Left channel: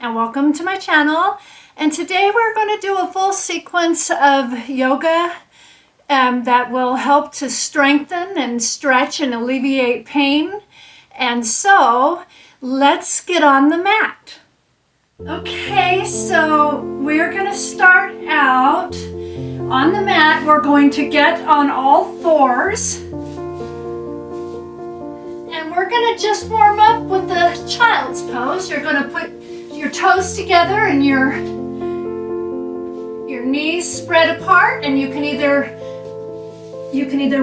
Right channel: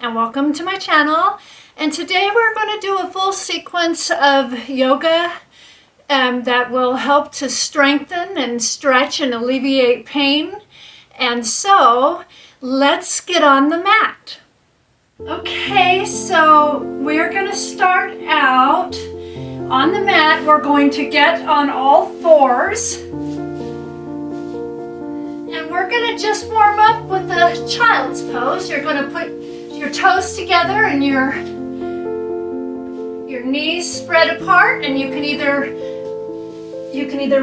and welcome to my channel. And today we're going to do a full sequence of yoga that will help to strengthen and stretch and alleviate pain. And so let's get on the mat. Okay, so we're going to start out on the mat. We're going to get on all fours. And we're going to just warm up with the child's pose. You're going to put your toes together and your knees spread apart, and you can either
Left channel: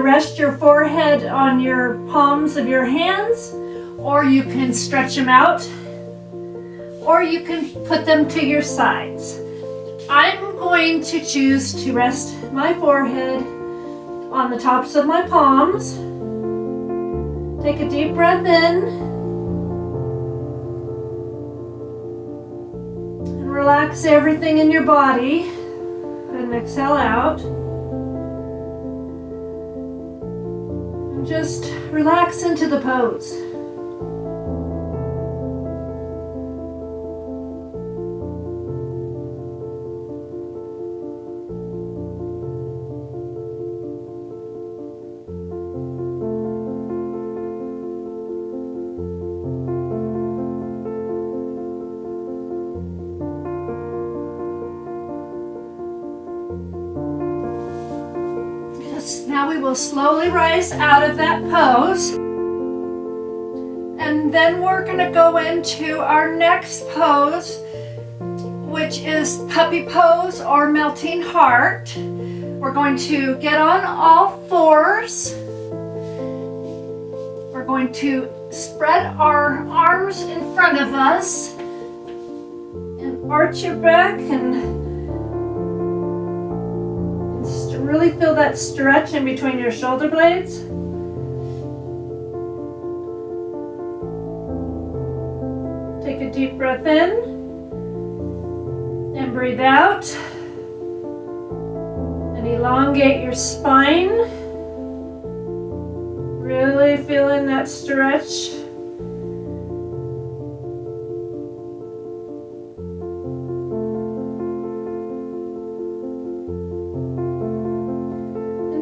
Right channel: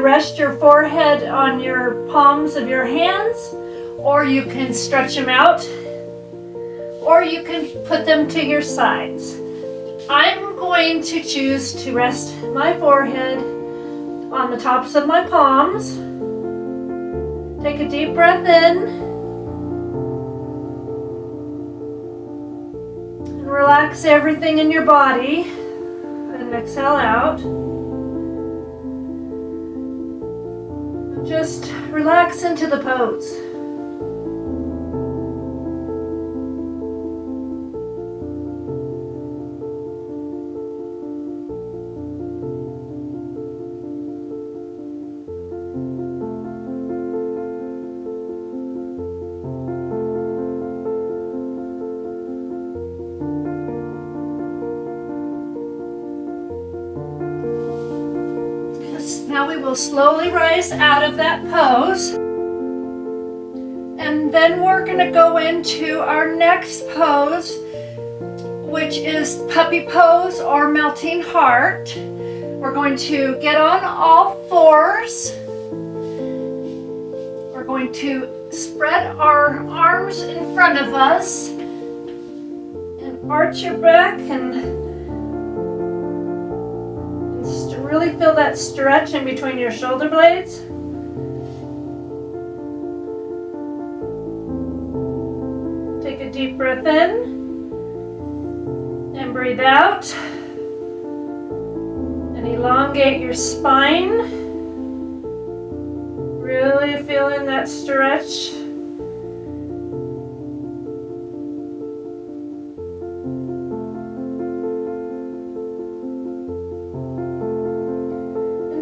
rest your forehead on your palms of your hands, or you can stretch them out, or you can put them to your sides. I'm going to choose to rest my forehead on the tops of my palms. Take a deep breath in and relax everything in your body, and exhale out. And just relax into the pose. Now we will slowly rise out of that pose, and then we're going to go into our next pose, which is puppy pose or melting heart. We're going to get on all fours. We're going to spread our arms in front of us and arch your back and really feel that stretch in between your shoulder blades. Take a deep breath in and breathe out. And elongate your spine. Really feeling that stretch.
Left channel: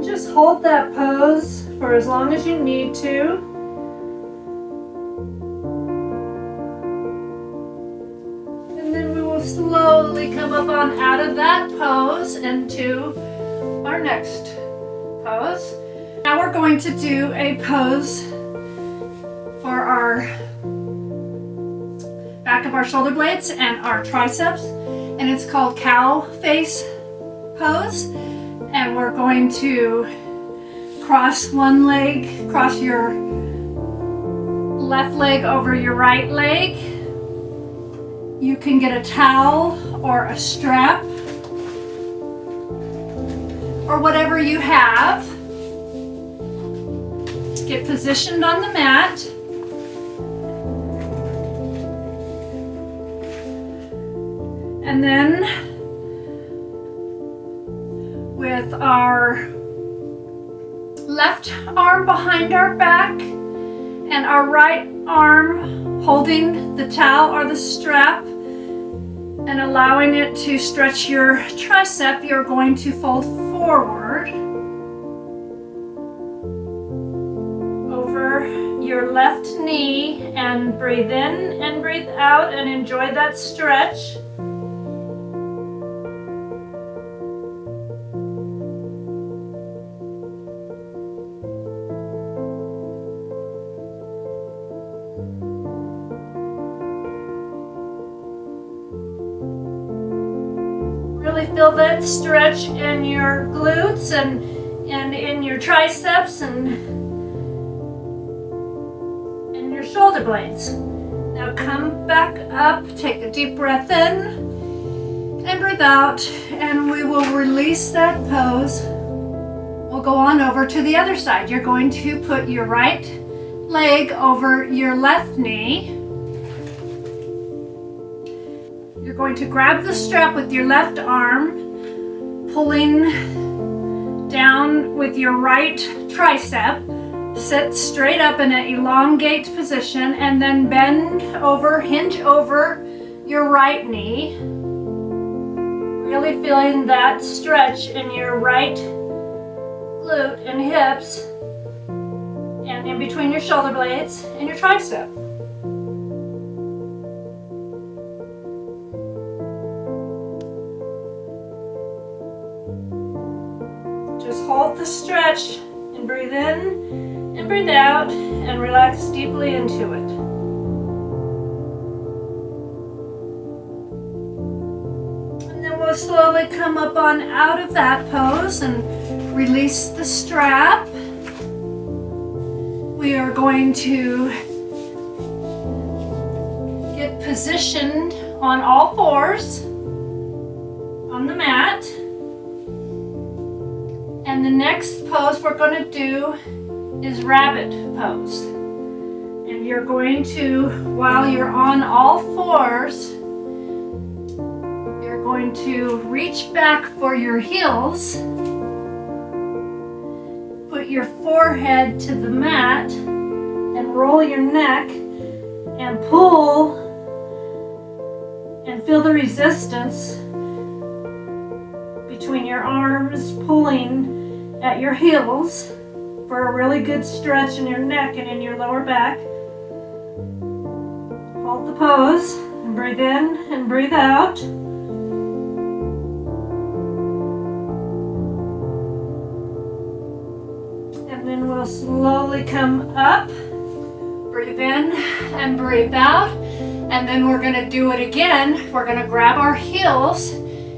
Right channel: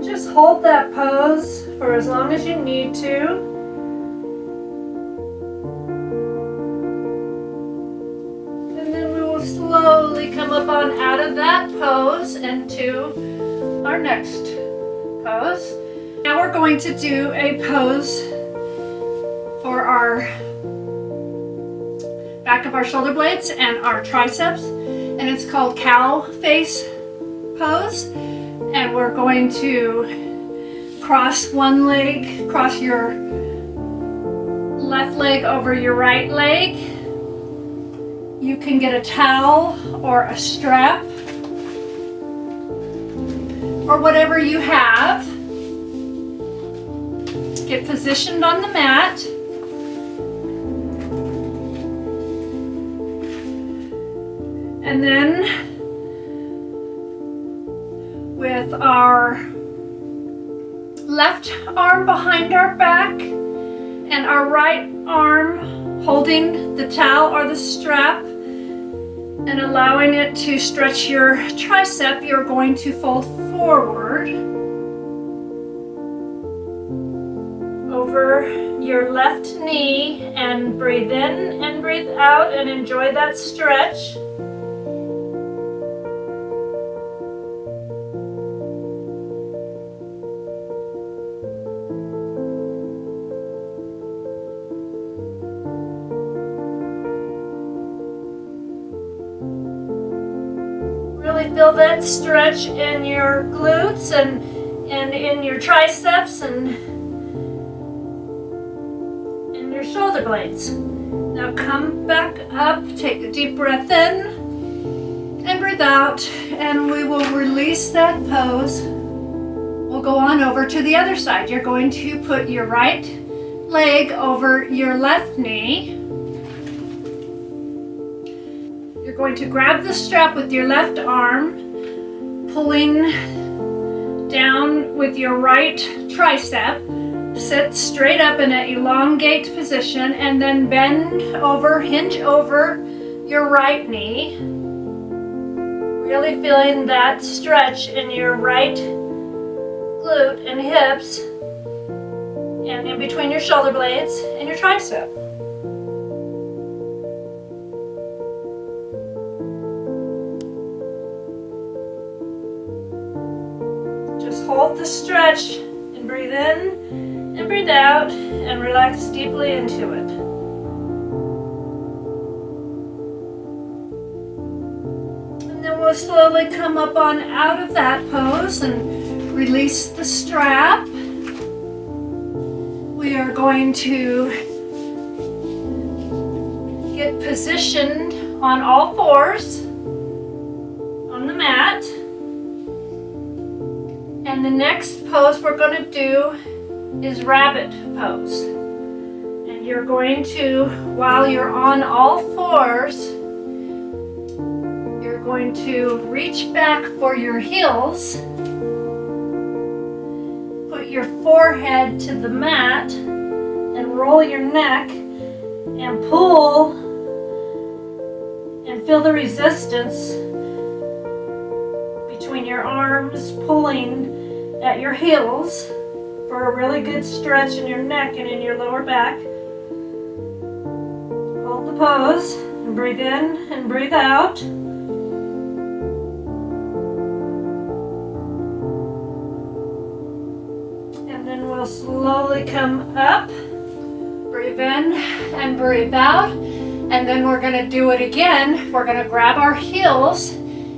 Just hold that pose for as long as you need to. And then we will slowly come up on out of that pose into our next pose. Now we're going to do a pose for our back of our shoulder blades and our triceps, and it's called cow face pose. And we're going to cross one leg, cross your left leg over your right leg. You can get a towel or a strap or whatever you have. Get positioned on the mat. And then with our left arm behind our back and our right arm holding the towel or the strap and allowing it to stretch your tricep, you're going to fold forward over your left knee and breathe in and breathe out and enjoy that stretch. Really feel that stretch in your glutes and in your triceps and in your shoulder blades. Now come back up, take a deep breath in and breathe out, and we will release that pose. We'll go on over to the other side. You're going to put your right leg over your left knee. You're going to grab the strap with your left arm, pulling down with your right tricep. Sit straight up in an elongate position and then bend over, hinge over your right knee. Really feeling that stretch in your right glute and hips and in between your shoulder blades and your tricep. Just hold the stretch and breathe in and breathe out and relax deeply into it. And then we'll slowly come up on out of that pose and release the strap. We are going to get positioned on all fours on the mat. And the next pose we're going to do is rabbit pose. And you're going to, while you're on all fours, you're going to reach back for your heels. Put your forehead to the mat and roll your neck and pull and feel the resistance between your arms pulling at your heels for a really good stretch in your neck and in your lower back. Hold the pose and breathe in and breathe out. And then we'll slowly come up. Breathe in and breathe out. And then we're going to do it again. We're going to grab our heels.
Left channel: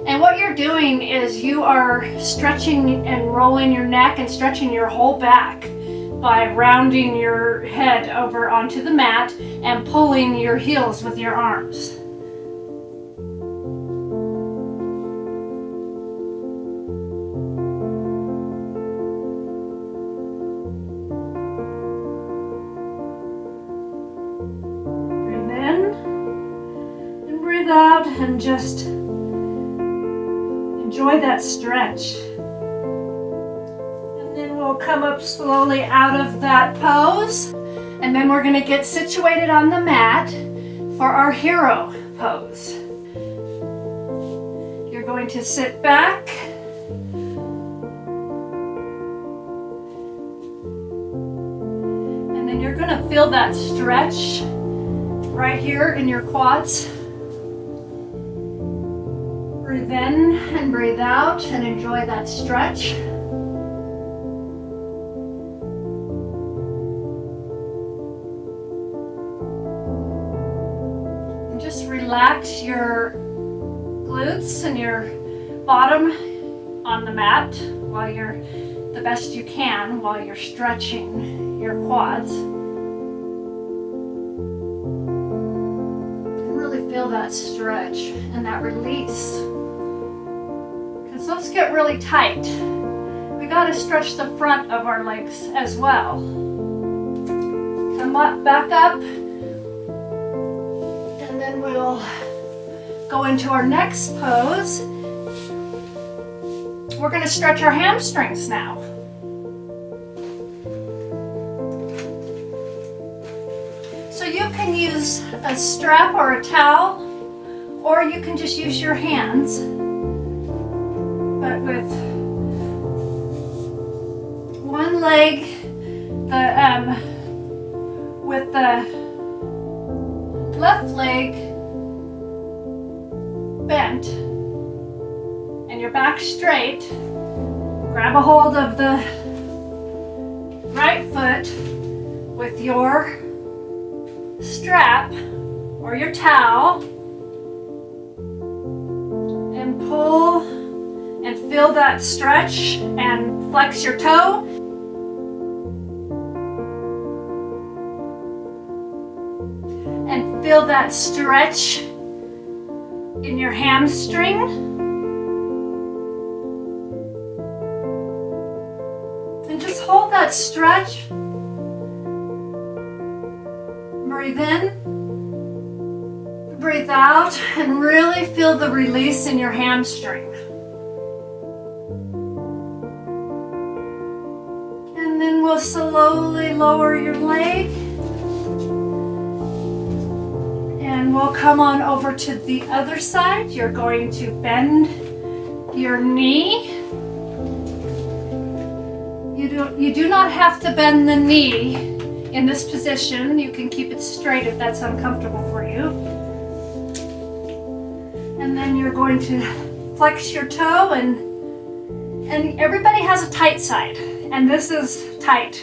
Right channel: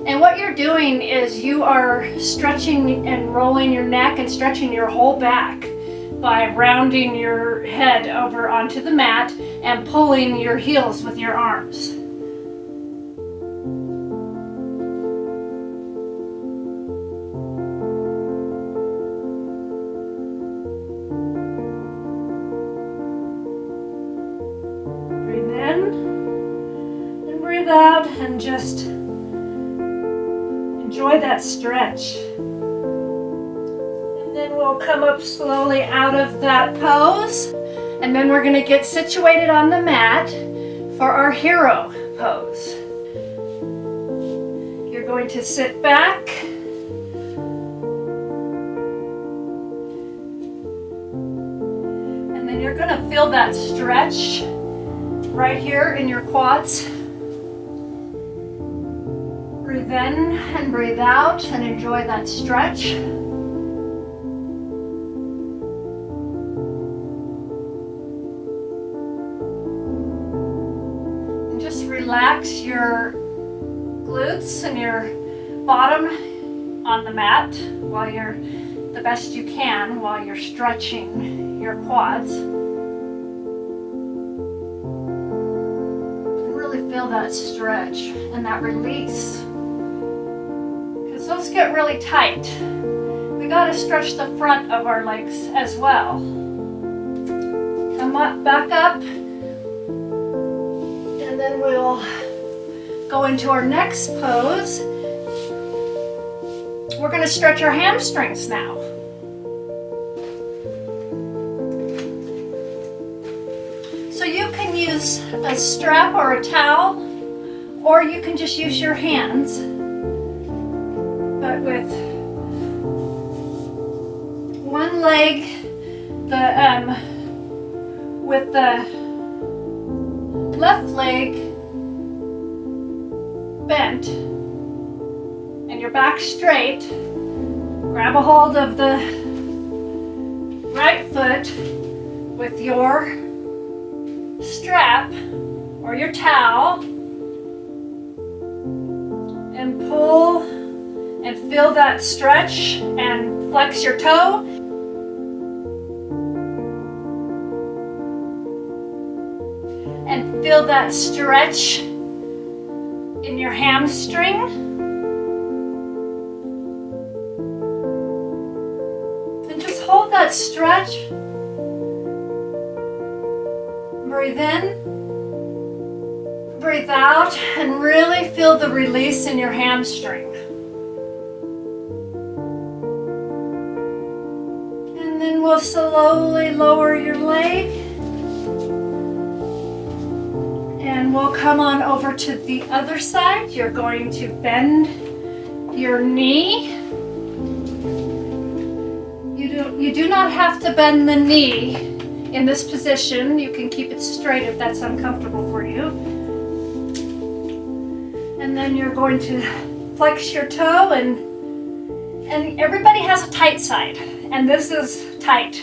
And what you're doing is you are stretching and rolling your neck and stretching your whole back by rounding your head over onto the mat and pulling your heels with your arms. Breathe in and breathe out and just enjoy that stretch. And then we'll come up slowly out of that pose. And then we're going to get situated on the mat for our hero pose. You're going to sit back. And then you're going to feel that stretch right here in your quads. Breathe in and breathe out and enjoy that stretch. And just relax your glutes and your bottom on the mat while you're the best you can while you're stretching your quads. And really feel that stretch and that release. Those get really tight. We got to stretch the front of our legs as well. Come up, back up, and then we'll go into our next pose. We're going to stretch our hamstrings now. So you can use a strap or a towel, or you can just use your hands. But with one leg, with the left leg bent and your back straight, grab a hold of the right foot with your strap or your towel and pull and feel that stretch and flex your toe. And feel that stretch in your hamstring. And just hold that stretch. Breathe in, breathe out, and really feel the release in your hamstring. And then we'll slowly lower your leg then we'll come on over to the other side. You're going to bend your knee. You do not have to bend the knee in this position. You can keep it straight if that's uncomfortable for you. And then you're going to flex your toe, and everybody has a tight side, and this is tight.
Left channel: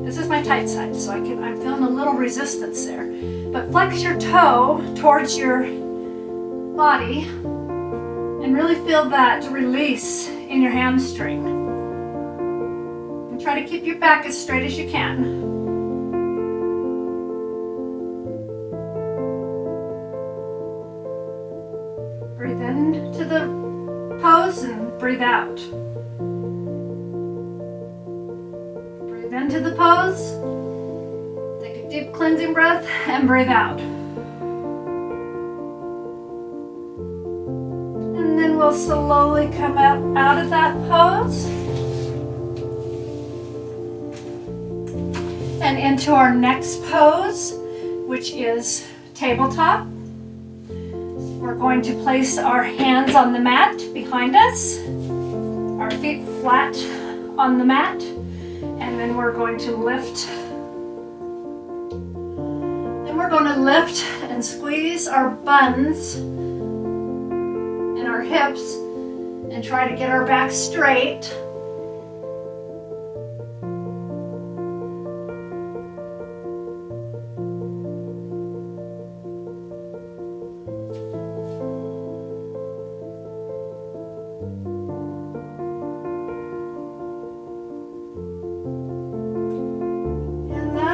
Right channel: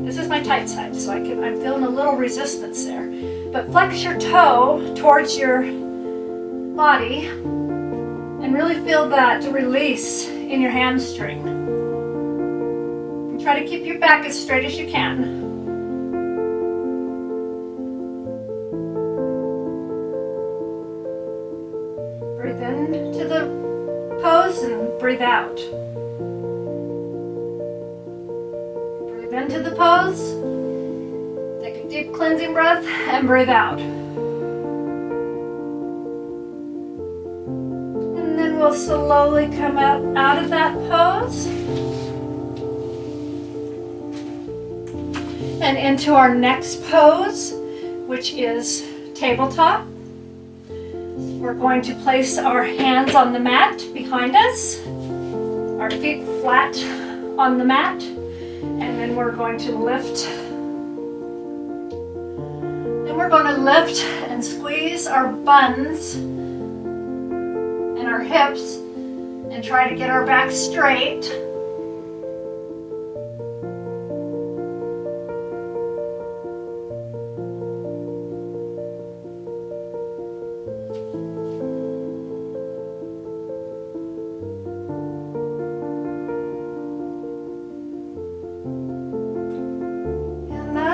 This is my tight side, so I'm feeling a little resistance there. But flex your toe towards your body and really feel that release in your hamstring. And try to keep your back as straight as you can. Breathe into the pose and breathe out. Breathe into the pose. Take a deep cleansing breath and breathe out. And then we'll slowly come out of that pose and into our next pose, which is tabletop. We're going to place our hands on the mat behind us, our feet flat on the mat, and then we're going to lift. Then we're going to lift and squeeze our buns and our hips and try to get our back straight.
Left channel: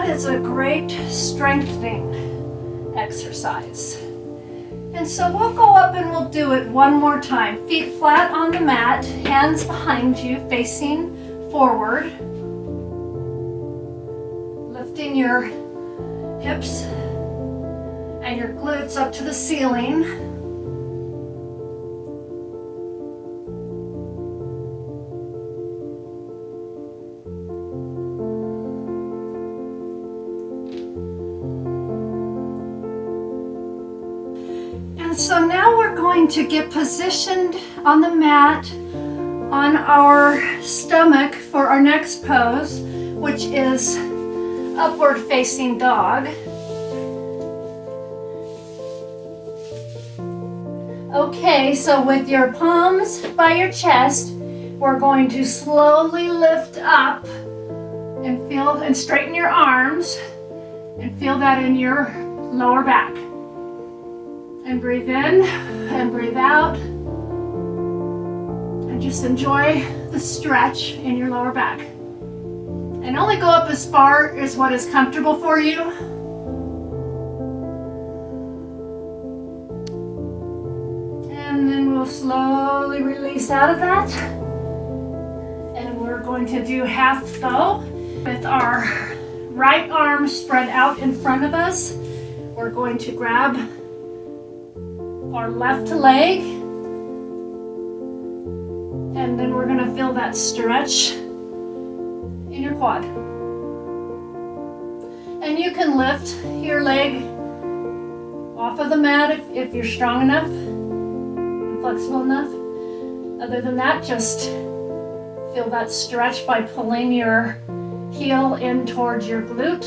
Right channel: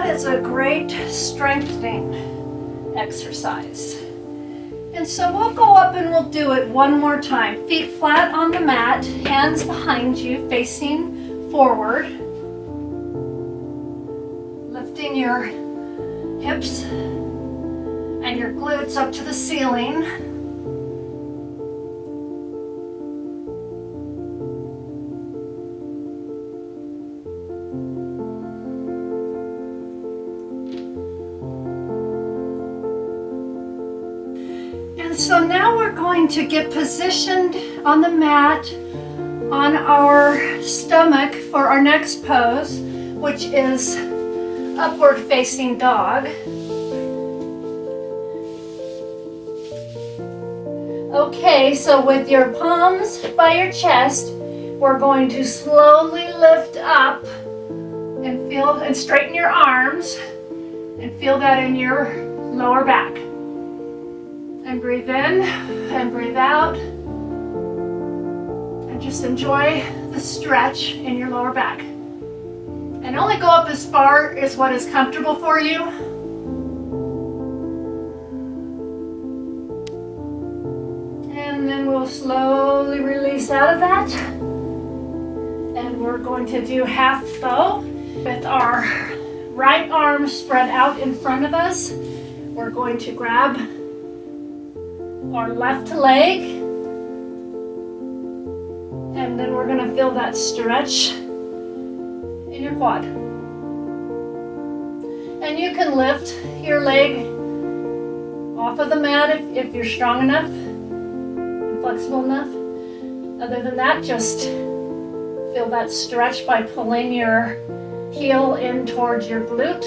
It's a great strengthening exercise. And so we'll go up and we'll do it one more time. Feet flat on the mat, hands behind you, facing forward. Lifting your hips and your glutes up to the ceiling. So now we're going to get positioned on the mat on our stomach for our next pose, which is upward facing dog. Okay, so with your palms by your chest, we're going to slowly lift up and feel and straighten your arms and feel that in your lower back. And breathe in and breathe out. And just enjoy the stretch in your lower back. And only go up as far as what is comfortable for you. And then we'll slowly release out of that. And we're going to do half bow with our right arm spread out in front of us. We're going to grab our left leg, and then we're going to feel that stretch in your quad. And you can lift your leg off of the mat if you're strong enough and flexible enough. Other than that, just feel that stretch by pulling your heel in towards your glute.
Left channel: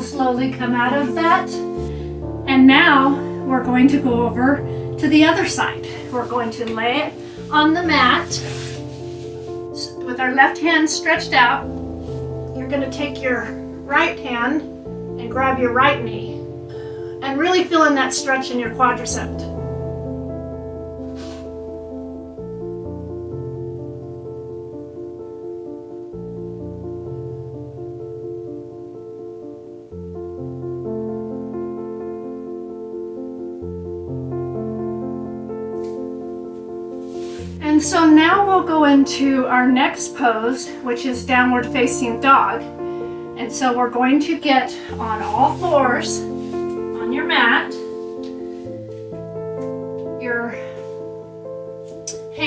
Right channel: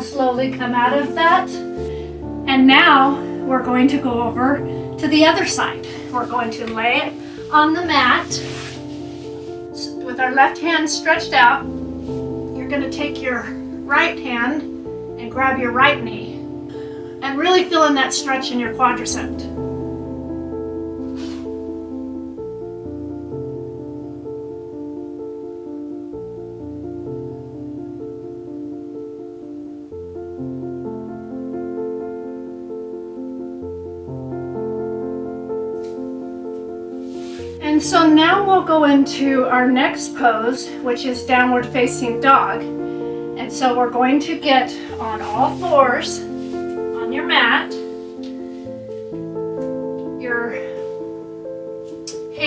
Slowly come out of that. And now we're going to go over to the other side. We're going to lay on the mat with our left hand stretched out. You're going to take your right hand and grab your right knee and really feel in that stretch in your quadricep. And so now we'll go into our next pose, which is downward facing dog. And so we're going to get on all fours on your mat. Your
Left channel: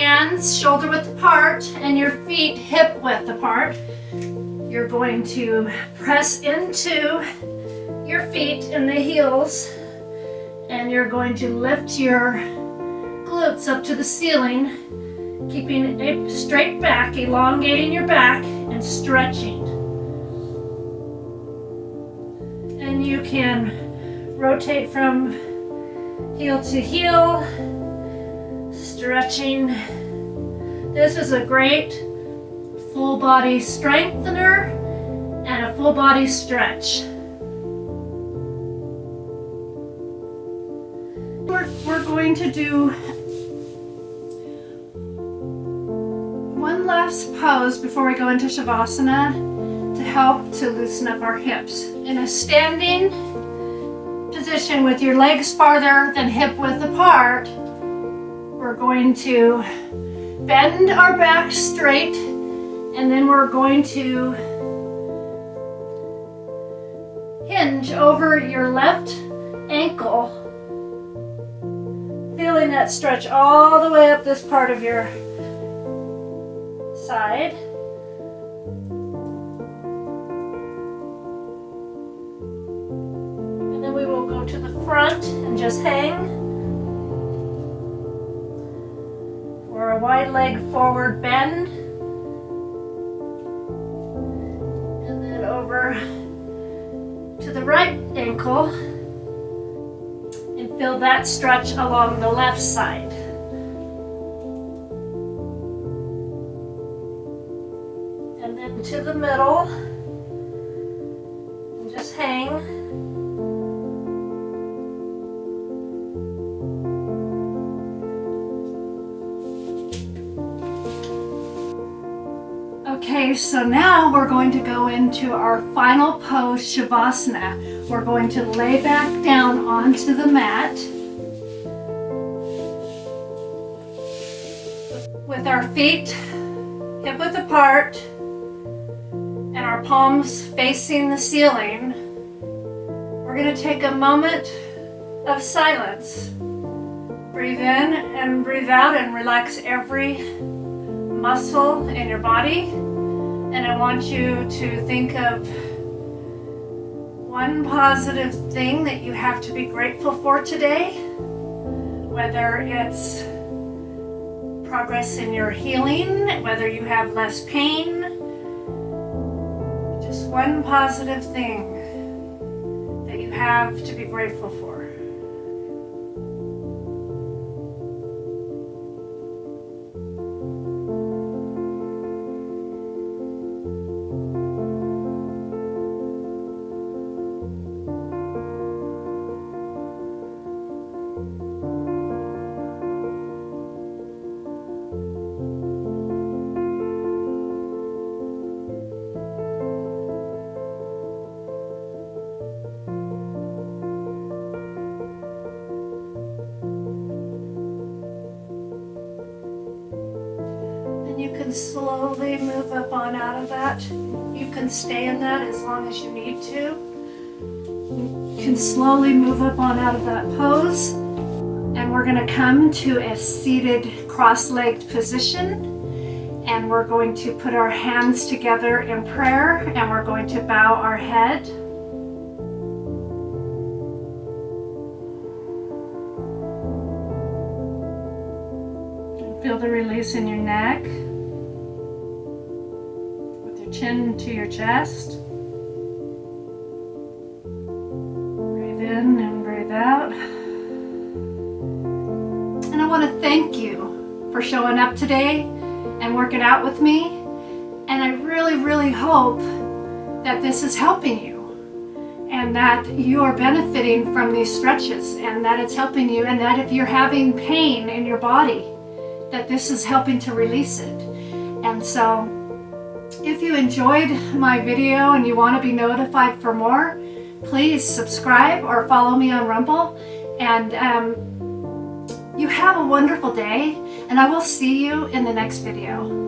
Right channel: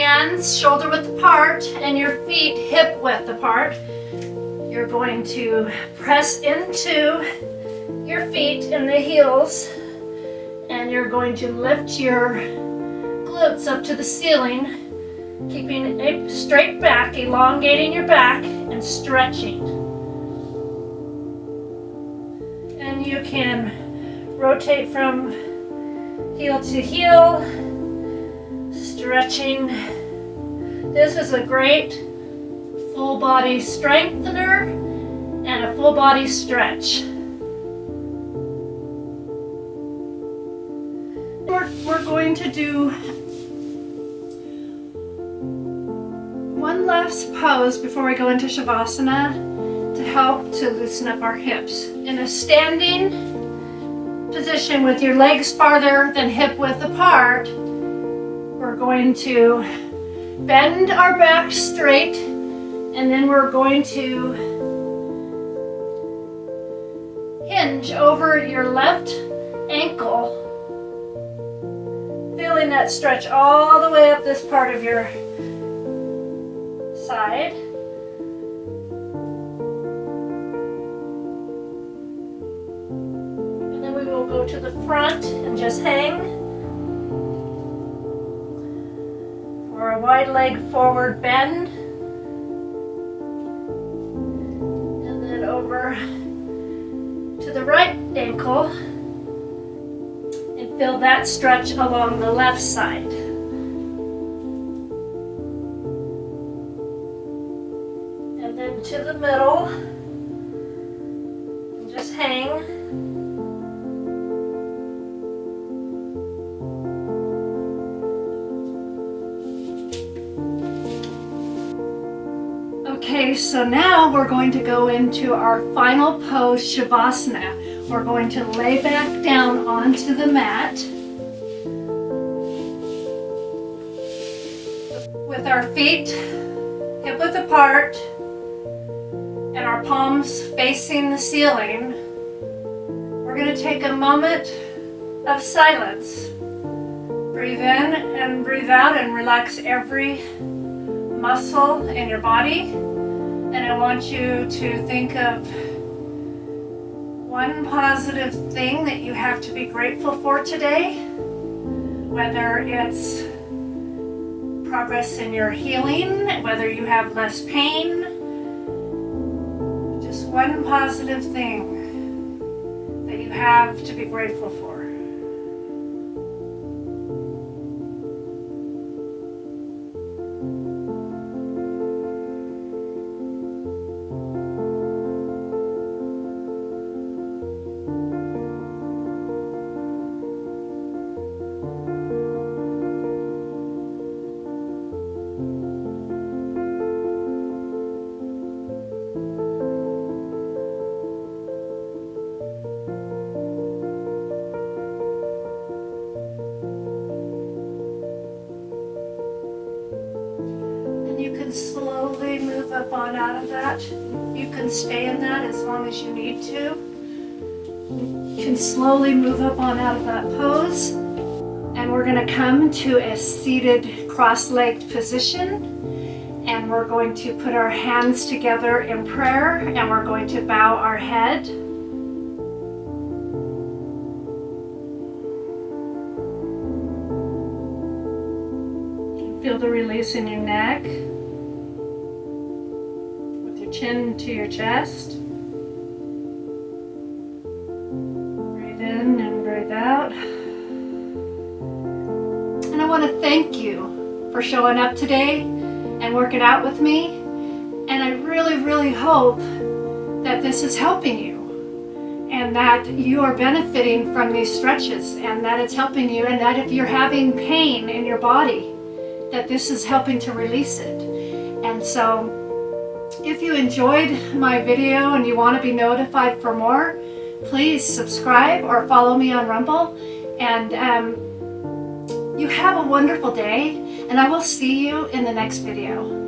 hands shoulder width apart and your feet hip width apart. You're going to press into your feet and the heels, and you're going to lift your glutes up to the ceiling, keeping a straight back, elongating your back and stretching. And you can rotate from heel to heel, stretching. This is a great full body strengthener and a full body stretch. We're going to do one last pose before we go into Shavasana to help to loosen up our hips. In a standing position with your legs farther than hip width apart, we're going to bend our back straight, and then we're going to hinge over your left ankle, feeling that stretch all the way up this part of your side. And then we will go to the front and just hang for a wide leg forward bend. And then over to the right ankle and feel that stretch along the left side. And then to the middle and just hang. Okay, so now we're going to go into our final pose, Shavasana. We're going to lay back down onto the mat with our feet hip width apart and our palms facing the ceiling. We're going to take a moment of silence. Breathe in and breathe out and relax every muscle in your body. And I want you to think of one positive thing that you have to be grateful for today, whether it's progress in your healing, whether you have less pain, just one positive thing that you have to be grateful for. You can slowly move up on out of that. You can stay in that as long as you need to. You can slowly move up on out of that pose. And we're going to come to a seated cross-legged position. And we're going to put our hands together in prayer, and we're going to bow our head. Feel the release in your neck, with your chin to your chest. Breathe in and breathe out. And I want to thank you for showing up today and working out with me. And I really, really hope that this is helping you, and that you are benefiting from these stretches, and that it's helping you, and that if you're having pain in your body, that this is helping to release it. And so if you enjoyed my video and you want to be notified for more, please subscribe or follow me on Rumble. And you have a wonderful day, and I will see you in the next video.